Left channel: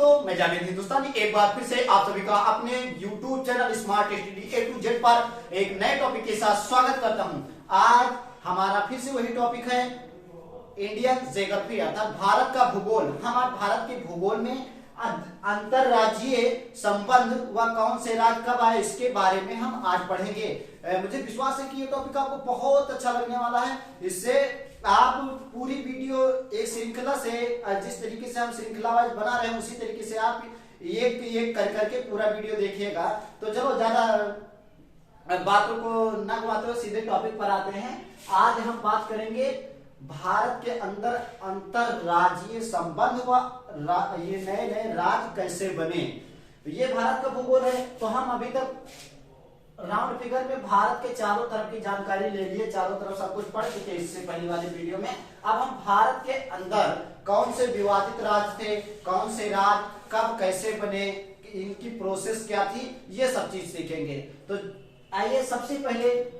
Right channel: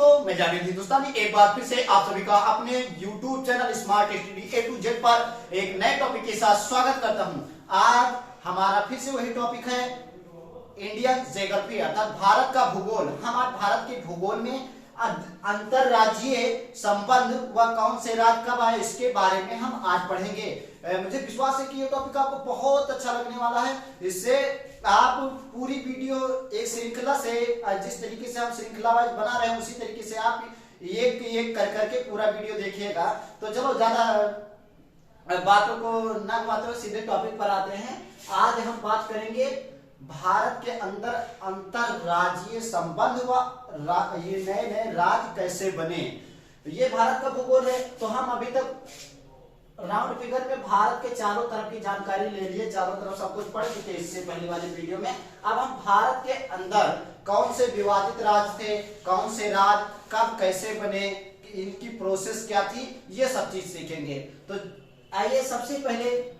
दोस्तों, मैं जावेद हिंदुस्तानी एक बार फिर से आप सभी का अपने YouTube channel smart study A to Z पर एक नए टॉपिक के साथ स्वागत करता हूं। आज हमारा फिर से वही टॉपिक है इंडियन ज्योग्राफी अर्थात भारत का भूगोल। हम आज भारत के भूगोल में अंतरराज्यीय संबंध व कौन से राज्य कब आए इसके बारे में हम आज पढ़ेंगे। मुझे विश्वास है कि ये टॉपिक आपको बहुत अच्छा लगने वाला है। इससे आप पूरी वीडियो एक श्रृंखला से जिस तरीके से हम श्रृंखला वाइज बना रहे हैं उसी तरीके से आप एक एक कर करके पूरा वीडियो देखिएगा। तो चलो ज्यादा बातों को न घुमाते हुए सीधे टॉपिक पर आते हैं। आज हम बात करेंगे भारत के अंदर अंतरराज्यीय संबंध व ये नए नए राज्य कैसे बने। ये भारत का भूगोल है। तो हम अभी तक राउंड फिगर में भारत के चारों तरफ की जानकारी ले लिए, चारों तरफ सब कुछ पढ़ चुके इससे पहले वाली वीडियो में। अब हम भारत के अंदर कौन से विवादित राज्य थे, कौन से राज्य कब कैसे बने, इनकी प्रोसेस क्या थी, ये सब चीज सीखेंगे। तो आइए सबसे पहले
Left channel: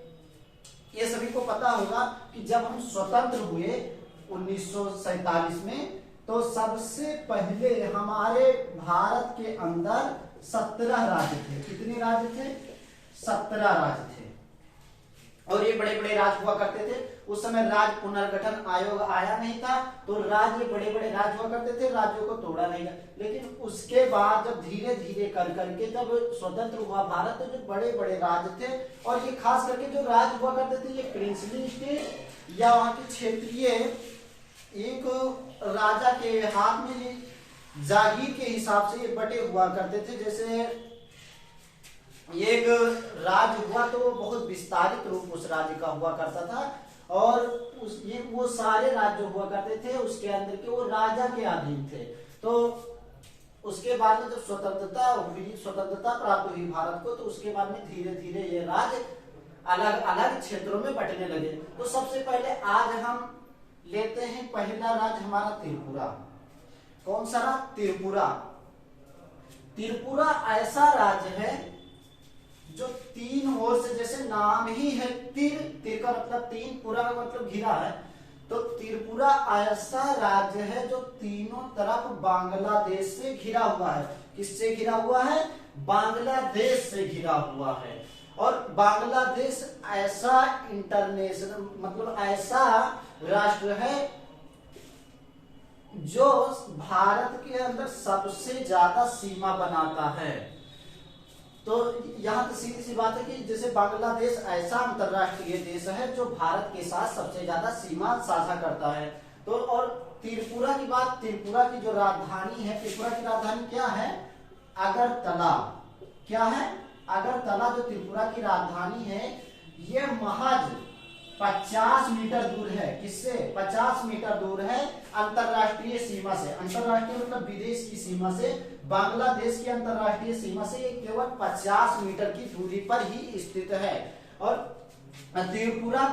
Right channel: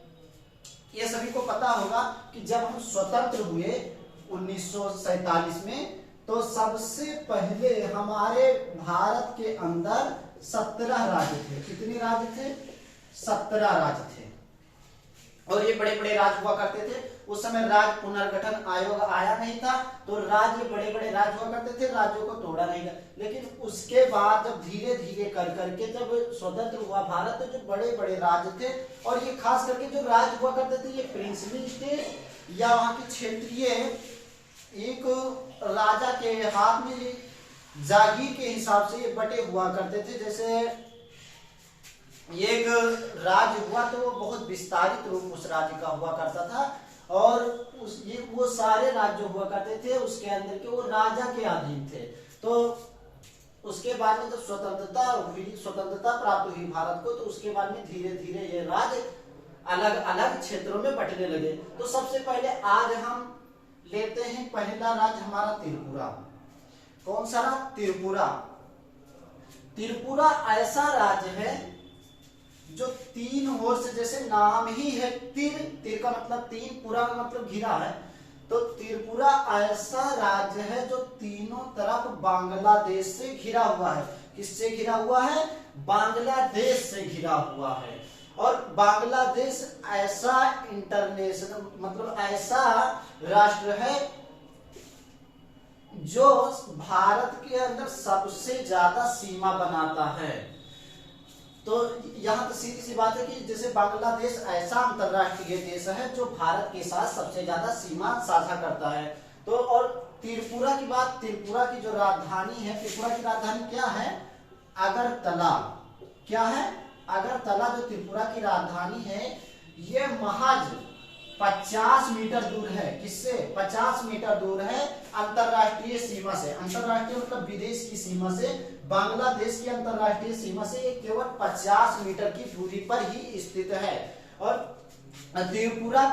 ये सभी को पता होगा कि जब हम स्वतंत्र हुए 1947 में, तो सबसे पहले हमारे भारत के अंदर 17 राज्य थे। कितने राज्य थे? 17 राज्य थे। और ये बड़े बड़े राज्य हुआ करते थे। उस समय राज्य पुनर्गठन आयोग आया नहीं था, तो राज्य बड़े बड़े राज्य हुआ करते थे, राज्यों को तोड़ा नहीं गया। लेकिन उसके बाद जब धीरे धीरे कर करके जब स्वतंत्र हुआ भारत, तो जो बड़े बड़े राज्य थे, और ये खास करके जो राज्य हुआ करते थे ये प्रिंसली स्टेट या वहां की क्षेत्रीय एक राजा के हाथ में ये जागीर के हिसाब से ये बटे हुआ करते थे। जैसे एक राज्य हुआ तो वो बहुत विस्तारित रूप उस राज्य का हुआ करता था, और वो सारे राज्य हुआ करते थे उसके अंदर के वो राजा के अधीन थे। तो उसके बाद में जब स्वतंत्रता प्राप्त हुई भारत को, तो उसके बाद में धीरे धीरे ये राज्य अलग अलग क्षेत्रों में बंटने लगे। तो सबसे पहले आज हम लेते हैं पहला राज्य हमारा त्रिपुरा। कौन सा राज्य? त्रिपुरा। त्रिपुरा ऐसा राज्य है जो तीन ओर से, जैसे नाम ही है तिर का मतलब तीन, पुरा का मतलब घिरा है, तो त्रिपुरा ऐसा राज्य है जो तीनों तरफ बांग्लादेश से घिरा हुआ है। किससे घिरा हुआ है? बांग्लादेश से घिरा हुआ है। और बांग्लादेश ऐसा इंटरनेशनल मतलब ऐसा राष्ट्र है जो भारत के अंदर सबसे ज्यादा सीमा बनाता है। तो यहां तो सीधी सी बात है कि जैसे बांग्लादेश ऐसा अंतरराष्ट्रीय देश है जो भारत के साथ सबसे ज्यादा सीमा साझा करता है। तो और त्रिपुरा की बात, त्रिपुरा की जो राजधानी है, त्रिपुरा की राजधानी क्या है? अगरतला। क्या है? अगरतला जो त्रिपुरा की राजधानी है, ये महज 50 मीटर दूर है। किससे? 50 मीटर दूर है अंतरराष्ट्रीय सीमा से। अंतरराष्ट्रीय मतलब विदेश की सीमा से, बांग्लादेश की अंतरराष्ट्रीय सीमा से ये केवल 50 मीटर की दूरी पर ही स्थित है। और त्रिपुरा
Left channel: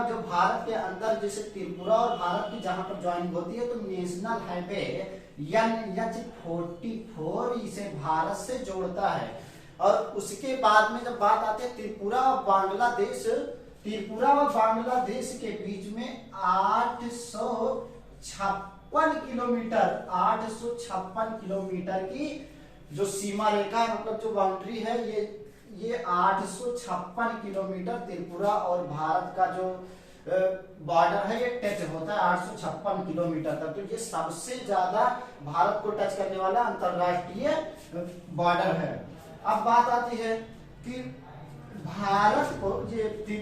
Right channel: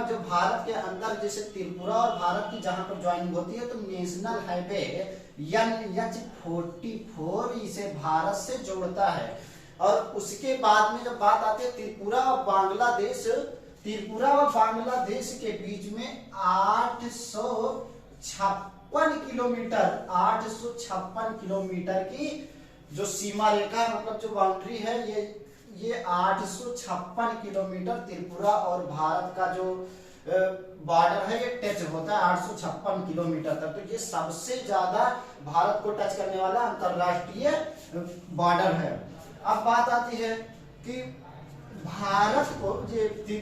जो भारत के अंदर, जैसे त्रिपुरा और भारत की जहां पर ज्वाइनिंग होती है, तो नेशनल हाईवे NH-44 इसे भारत से जोड़ता है। और उसके बाद में जब बात आती है त्रिपुरा और बांग्लादेश के बीच में 856 किलोमीटर की जो सीमा रेखा है, मतलब जो बाउंड्री है, ये 856 किलोमीटर त्रिपुरा और भारत का जो बॉर्डर है ये टच होता है 856 किलोमीटर तक। तो ये सबसे ज्यादा भारत को टच करने वाला अंतरराष्ट्रीय बॉर्डर है। अब बात आती है कि भारत की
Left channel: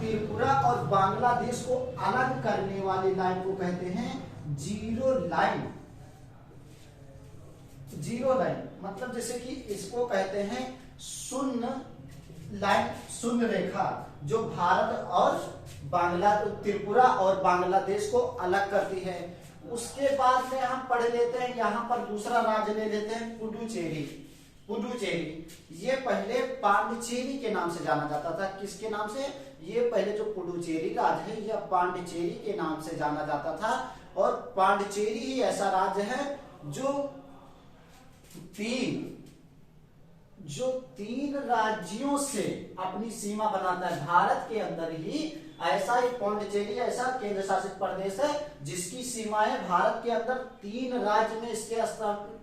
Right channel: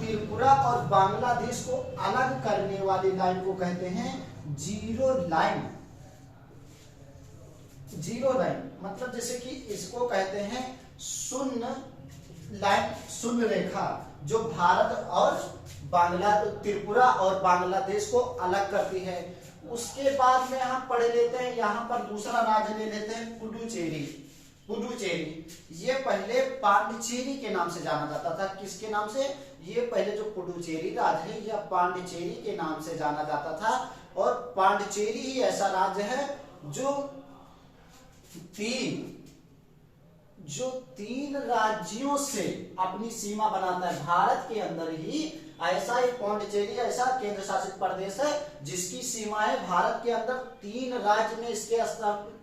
त्रिपुरा और बांग्लादेश को अलग करने वाली लाइन को कहते हैं जीरो लाइन। जीरो लाइन मतलब जैसे कि इसको कहते हैं शून्य लाइन, शून्य रेखा, जो भारत और त्रिपुरा और बांग्लादेश को अलग करती है। उसके बाद में हम पढ़ लेते हैं, यहाँ पर दूसरा राज्य ले लेते हैं पुडुचेरी। ये पहले पांडिचेरी के नाम से जाना जाता था। किसके नाम से? ये पहले जो पुडुचेरी राज्य है यह पांडिचेरी के नाम से जाना जाता था। और पांडिचेरी ही ऐसा राज्य है जो तीन राज्यों से अपनी सीमा बनाता है। भारत के अंदर ही ऐसा एक पौंडीचेरी ऐसा केंद्र शासित प्रदेश है जिसकी सीमाएं भारत के अंदर 3 राज्य में इसके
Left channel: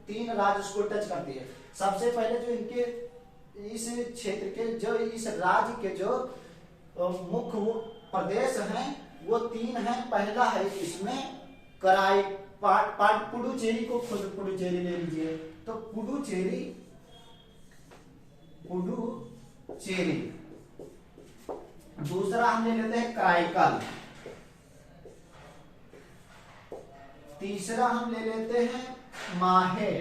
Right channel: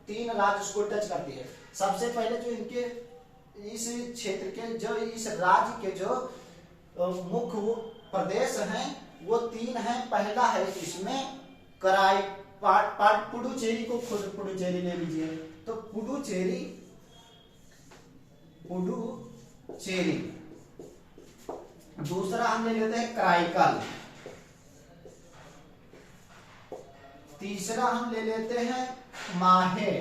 3 राज्य उसको टच करती है। सबसे पहले जो इनके इस क्षेत्र के जो इस राज्य के जो मुख्य प्रदेश हैं वो 3 हैं। पहला है इसमें कराई पुडुचेरी को खुद पुडुचेरी ले लीजिए, तो पुडुचेरी दूसरा हम ले लेते हैं कराईकल, तीसरा हम ले लेते हैं माहे,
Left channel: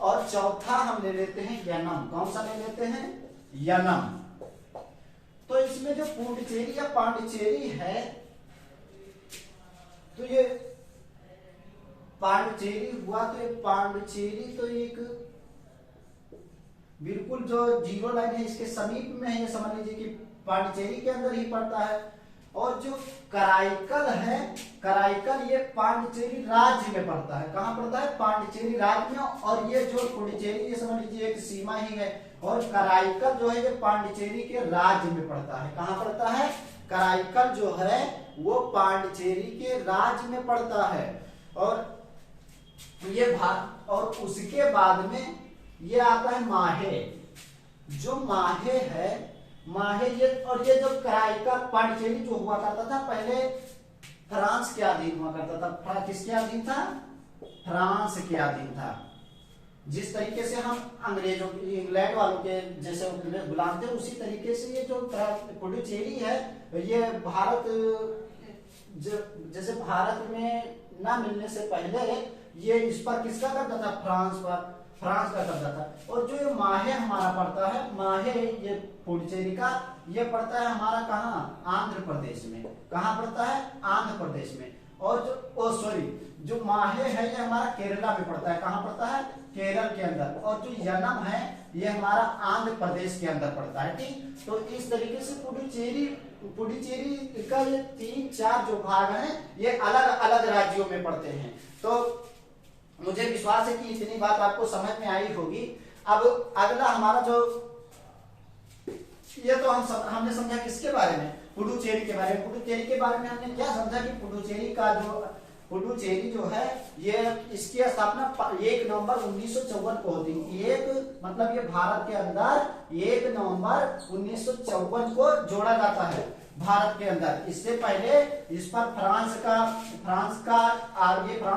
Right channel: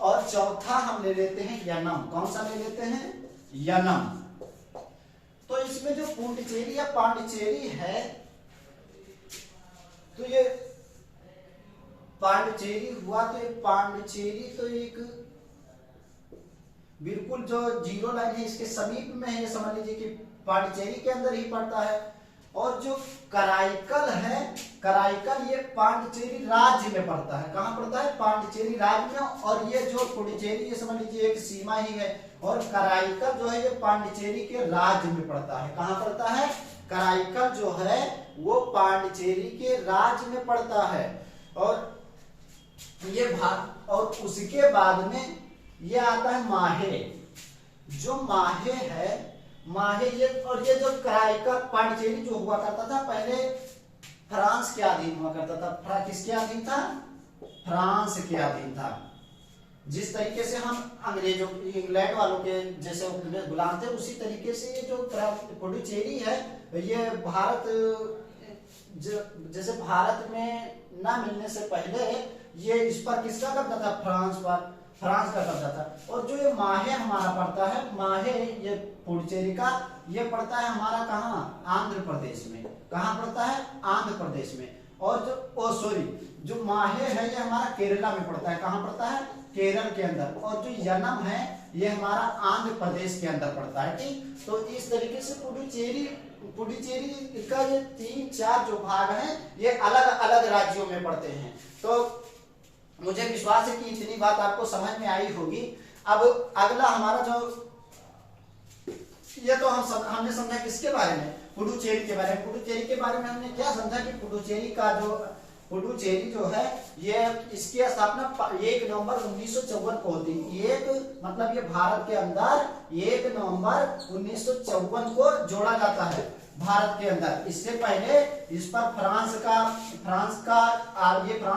और चौथा हम ले लेते हैं यनम। कौन सा ले लेते हैं? यनम। तो इसमें जो पुडुचेरी या पांडिचेरी है, तो ये पांडिचेरी हुआ, तो ये पांडिचेरी तो एक बिल्कुल जो जीरो लाइन है इसके समीप में है, ये समझ लीजिए कि पांडिचेरी के अंदर ही पड़ता है। और जो कराईकल है, कराईकल ये पांडिचेरी राज्य में पड़ता है। कहां पड़ता है? पांडिचेरी राज्य में। और ये जो पुडुचेरी ये समझ लीजिए एक सीमा ही है, और कराईकल जो है ये पांडिचेरी के राज्य में पड़ता है। कहां पड़ता है? कराईकल जो है वो पांडिचेरी के राज्य में पड़ता है। और ये भाग, और उसके बाद में ये आता है माहे। जो माहे है, माहे ये, और ये जो कराईकल पांडिचेरी जो हुआ करता था पहले फ्रांस के अधीन हुआ करता था। किसके अधीन था? फ्रांस के अधीन था। जिस तरीके से हम अंग्रेजों इंग्लैंड वालों के जैसे गुलाम थे, उसी तरीके से ये जो पुडुचेरी है ये भारत, जैसे भारत में ना मिलने से पहले ये इस पर किसका कब्जा था? फ्रांस का कब्जा था। और जो ये माहे हमारा पड़ता है, माहे ये पुडुचेरी का, ये पड़ता है हमारा कहाँ? आंध्र प्रदेश में। कहाँ पड़ता है? आंध्र प्रदेश में। और जो माहे है ये हमारा केरला में पड़ता है। कहाँ पड़ता है? केरल के अंदर। और जो यनम है ये हमारा आंध्र प्रदेश के अंदर पड़ता है। ठीक, तो इस तरीके से पुडुचेरी का ये 3-4 जो भाग हैं ये अलग अलग राज्यों में पड़ते हैं। तो मुझे विश्वास है कि इतनी बात आपको समझ में आई होगी। अब अगला हमारा जो, ये तो हमने समझा किसके बारे में? पुडुचेरी के बारे में। पुडुचेरी के बारे में हमने क्या समझा कि पुडुचेरी जो है ये इसकी स्थापना 1 नवंबर 1954 को होती है। एक मतलब ये भारत के अंदर 1 नवंबर 1954 को जोड़ा जाता है भारत के अंदर। इससे पहले इस पर फ्रांस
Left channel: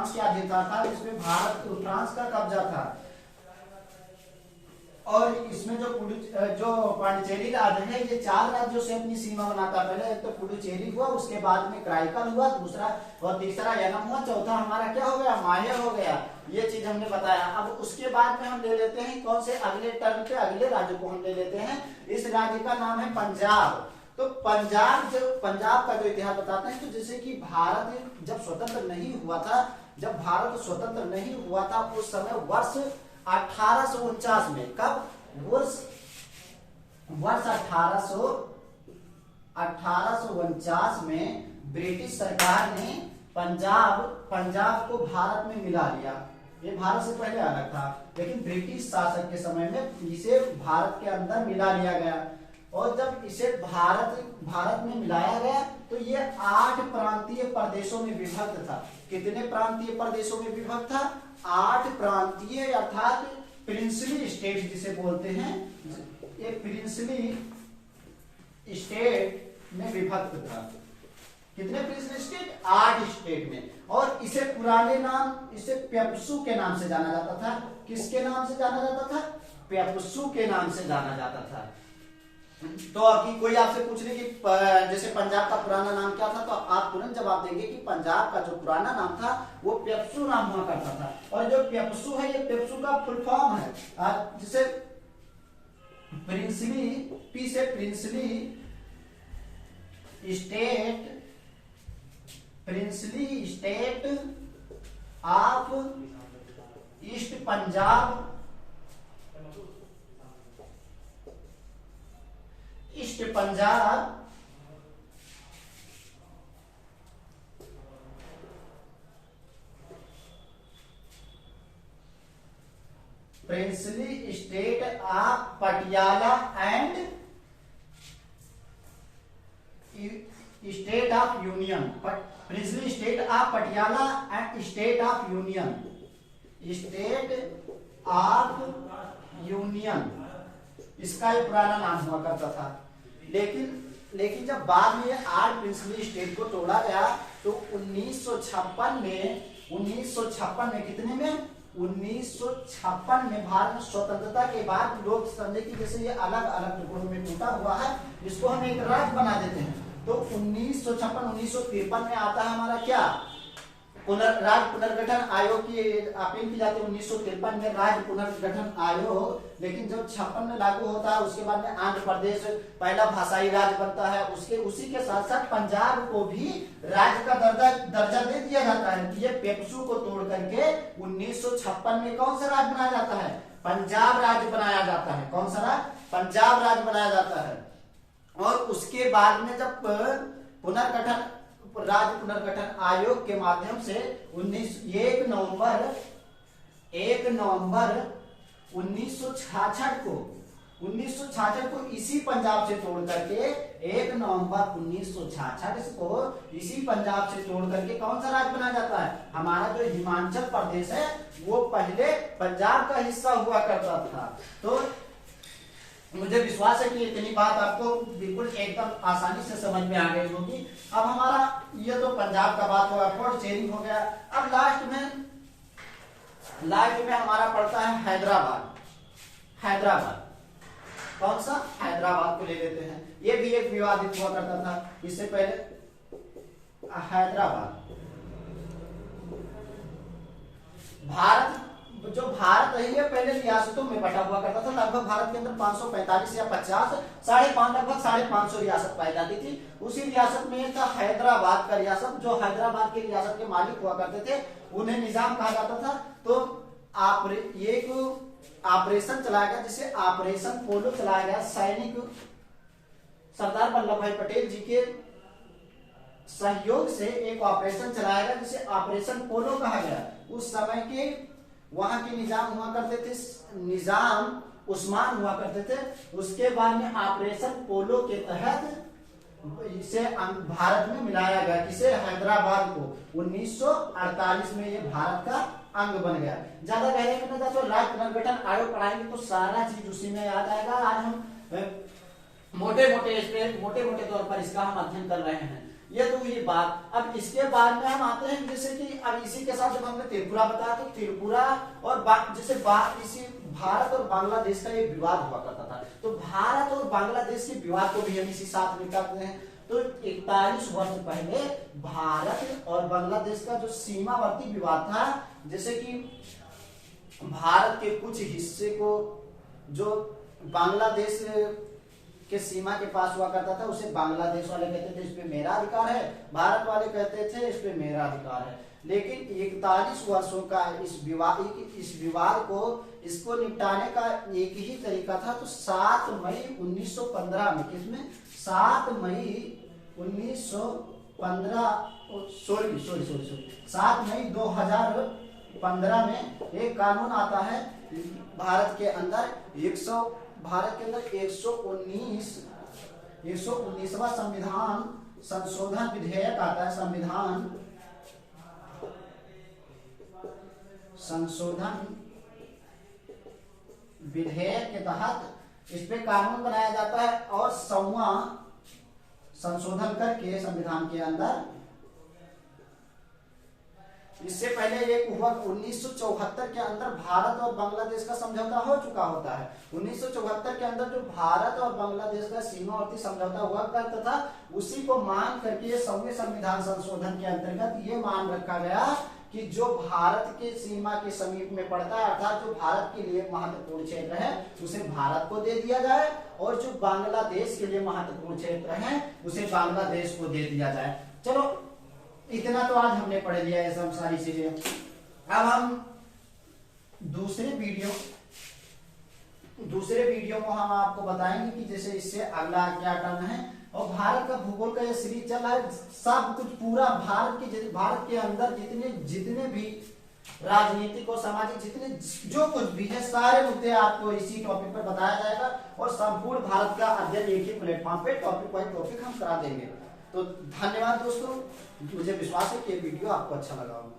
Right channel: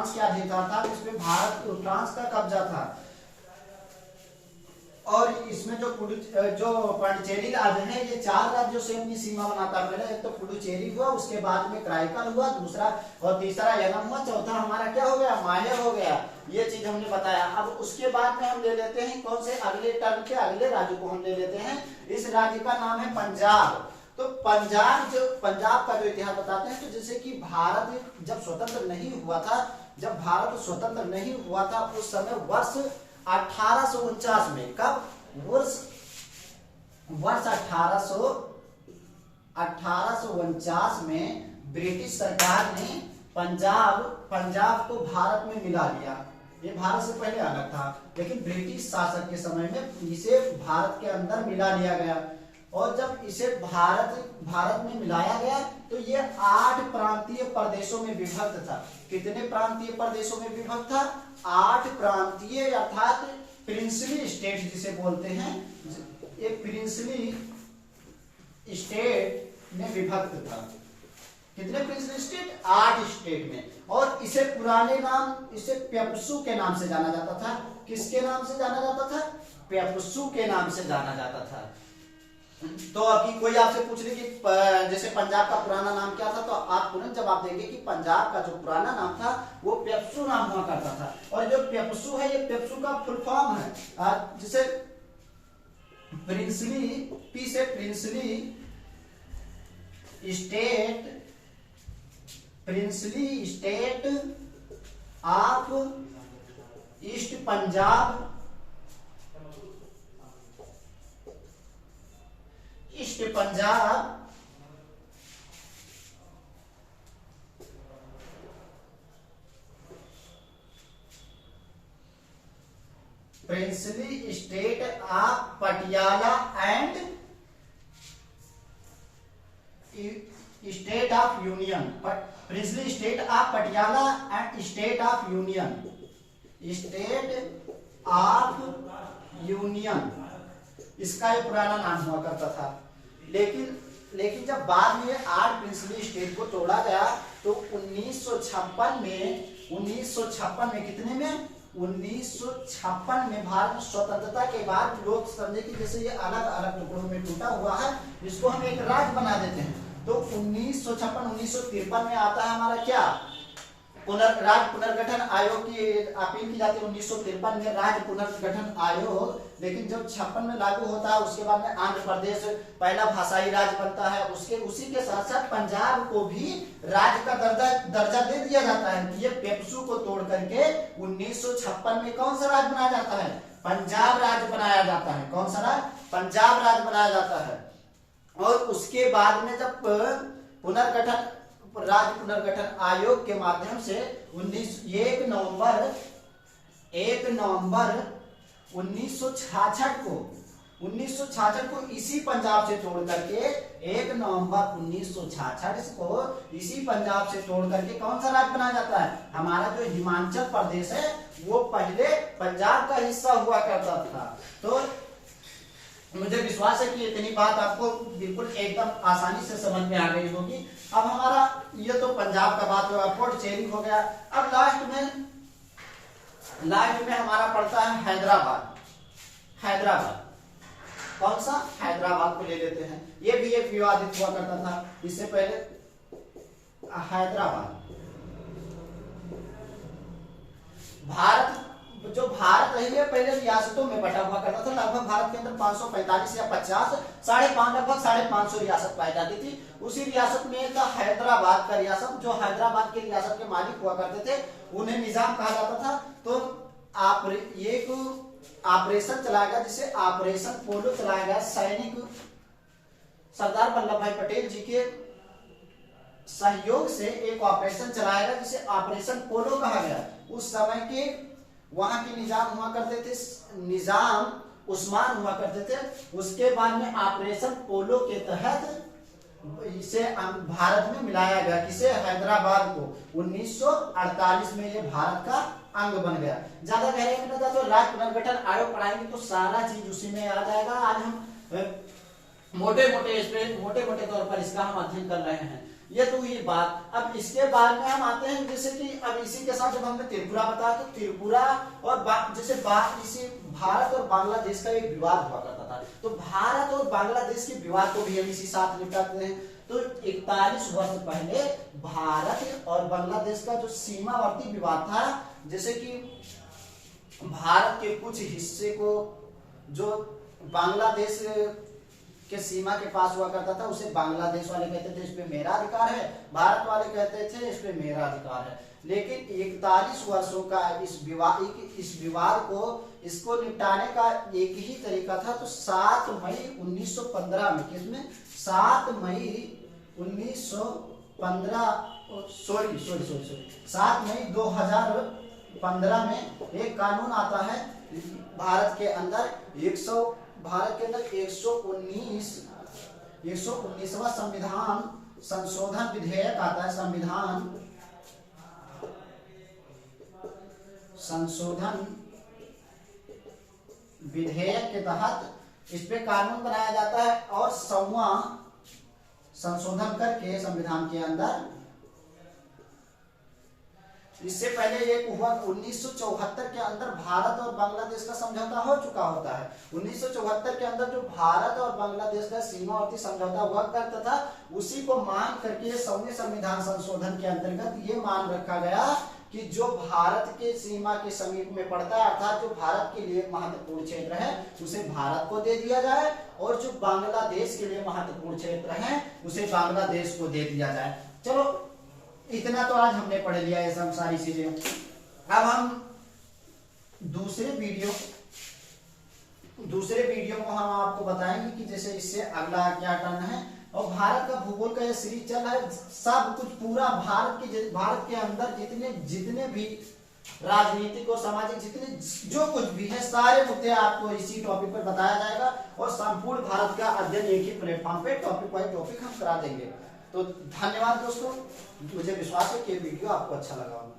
के अधीनता था, इसमें फ्रांस का कब्जा था। और इसमें जो पांडिचेरी राज्य है ये 4 राज्यों से अपनी सीमा बनाता है। पहले एक तो पुडुचेरी हुआ, उसके बाद में कराईकल हुआ, दूसरा और तीसरा यनम हुआ, चौथा हमारा क्या हो गया? माहे हो गया। ये चीज हमने बताया। अब उसके बाद में हम ले लेते हैं कौन से अगले टर्म के अगले राज्य को हम ले लेते हैं। इस राज्य का नाम है पंजाब। तो पंजाब का जो इतिहास बताते हैं, तो जैसे कि भारत जब स्वतंत्र नहीं हुआ था, उस समय वर्ष 1849 में, कब? वर्ष 1849 में ब्रिटिश सरकार ने पंजाब को भारत में मिला लिया। ये भारत से पहले अलग था, लेकिन ब्रिटिश शासक के समय में इसे भारत के अंदर मिला लिया गया। और जब इसे भारत में मिलाया गया तो ये 8 प्रांतीय प्रदेशों में विभक्त था। कितने प्रांतीय प्रदेशों में विभक्त था? 8 प्रांतीय, अर्थात प्रिंसली स्टेट जिसे बोलते हैं, ये प्रिंसली स्टेट में विभक्त था। कितने प्रिंसली स्टेट? 8 स्टेट में। और इसे पुराने नाम, इसे पेप्सू के नाम से जाना जाता था। किसके नाम से जाना जाता था? पेप्सू के नाम से जाना जाता था। तो अभी कोई आपसे पूछ ले कि जैसे पंजाब का पुराना नाम क्या था, तो आप तुरंत जवाब देंगे कि पंजाब का जो पुराना नाम था वो पेप्सू नाम हुआ करता था। और जो पेप्सू है ये पेप्सू का फुल फॉर्म है, जिसे प्रिंसली, पी से princely state of east Punjab, east Punjab princely state of Patiala and state of union, princely state of Patiala and state of union, state of union, इसका ये पुराना नाम हुआ करता था। लेकिन जब बाद में 8 प्रिंसली स्टेट को तोड़ा गया तो 1956 में कितने में 1956 में भारत में स्वतंत्रता के बाद लोग समझे कि जैसे ये अलग अलग टुकड़ों में टूटा हुआ है, इसको हम एक राज्य बना देते हैं। तो 1953 में आता है हमारा क्या, राज्य पुनर्गठन आयोग की अपील की जाती है 1953 में राज्य पुनर्गठन आयोग। लेकिन जब 56 में लागू होता है उसके बाद में आंध्र प्रदेश पहला भाषाई राज्य बनता है। उसी के साथ साथ पंजाब को भी राज्य का दर्जा दे दिया जाता है। ये पेप्सू को तोड़ करके 1956 में कौन सा राज्य बनाया जाता है, पंजाब राज्य बनाया जाता है। कौन सा राज्य, पंजाब राज्य बनाया जाता है। और उसके बाद में जब राज्य पुनर्गठन आयोग के माध्यम से 1 नवंबर 1966 को इसी पंजाब से तोड़ करके 1 नवंबर 1966 को इसी पंजाब से तोड़ करके कौन सा राज्य बनाया जाता है, हमारा जो हिमाचल प्रदेश है वो पहले पंजाब का हिस्सा हुआ करता था। तो मुझे विश्वास है कि इतनी बात आपको बिल्कुल एकदम आसानी से समझ में आ गई होगी। अब हमारा ये तो पंजाब का बात हुआ, पोर्ट शेयरिंग हो गया। अब लास्ट में हमारा पड़ता है हैदराबाद। कौन सा, हैदराबाद को ले लेते हैं। ये भी एक विवादित हुआ करता था इससे पहले। हैदराबाद भारत है ये पहले रियासतों में बटा हुआ करता था। लगभग भारत के अंदर 545 या 50 लगभग 550 रियासत पाई जाती थी। उसी रियासत में था हैदराबाद का रियासत। जो हैदराबाद की रियासत के मालिक हुआ करते थे उन्हें निजाम कहा जाता था। तो एक ऑपरेशन चलाया गया जिसे ऑपरेशन पोलो चलाया गया। सैनिक सरदार वल्लभ भाई पटेल जी के सहयोग से एक ऑपरेशन चलाया गया जिसे ऑपरेशन पोलो कहा गया। उस समय के वहां के निजाम हुआ करते थे, निजाम उस्मान हुआ करते थे। उसके बाद में ऑपरेशन पोलो के तहत इसे भारत में मिलाया गया। किसे, हैदराबाद को। 1948 में ये भारत का अंग बन गया। ज्यादा गहरे में न जाए तो राज्य पुनर्गठन आयोग पढ़ाएंगे तो सारा चीज उसी में आ जाएगा। आज हम मोटे मोटे तौर पर इसका हम अध्ययन कर रहे हैं। ये तो हुई बात। अब इसके बाद में हम आते हैं जैसे कि अब इसी के साथ जब हमने त्रिपुरा बताया तो त्रिपुरा और जैसे इसी भारत और बांग्लादेश का एक विवाद हुआ करता था। तो भारत और बांग्लादेश के विवाद को भी हम इसी साथ निपटाते हैं। तो 41 वर्ष पहले भारत और बांग्लादेश का जो सीमावर्ती विवाद था, जैसे कि भारत के कुछ हिस्से को जो बांग्लादेश के सीमा के पास हुआ करता था उसे बांग्लादेश वाले कहते थे इस पे मेरा अधिकार है, भारत वाले कहते थे इस पे मेरा अधिकार है। लेकिन 41 वर्षों का इस विवाद को इसको निपटाने का एक ही तरीका था। तो 7 मई 1915 में, किसमें, 7 मई 2015 में एक कानून आता है भारत के अंदर 119वां संविधान संशोधन विधेयक आता है। संविधान संशोधन विधेयक के तहत इस पे कानून बनाया जाता है और 100वां संशोधन करके संविधान के अंदर। इससे पहले एक हुआ 1974 के अंदर भारत और बांग्लादेश का समझौता हो चुका होता है। 1974 के अंदर जो भारत और बांग्लादेश का सीमावर्ती समझौता हुआ करता था उसी को मान करके 100वें संविधान संशोधन के अंतर्गत ये मान रखा गया कि जो भारत के सीमा के समीप में पड़ता है अर्थात जो भारत के लिए महत्वपूर्ण क्षेत्र है उसे भारत को दे दिया जाए और जो बांग्लादेश के लिए महत्वपूर्ण क्षेत्र है उसे बांग्लादेश को दे दिया जाए। चलो इतना तो आज हमने पढ़ लिया ये सब सारी चीजें। अब हम दूसरे वीडियो को हम आपको बताएंगे कि जैसे इससे अगला क्या टर्न है। और भारत का भूगोल का ये सीरीज चल रहा है। सब कुछ पूरा भारत के अंदर जितने भी राजनीतिक और सामाजिक जितने जो कुछ भी है सारे मुद्दे आपको इसी टॉपिक पर बताया जाएगा और संपूर्ण भारत का अध्ययन एक ही प्लेटफॉर्म पे टॉपिक बाय टॉपिक हम करा देंगे। तो धन्यवाद दोस्तों, मुझे विश्वास है कि ये वीडियो आपको अच्छा लगा होगा।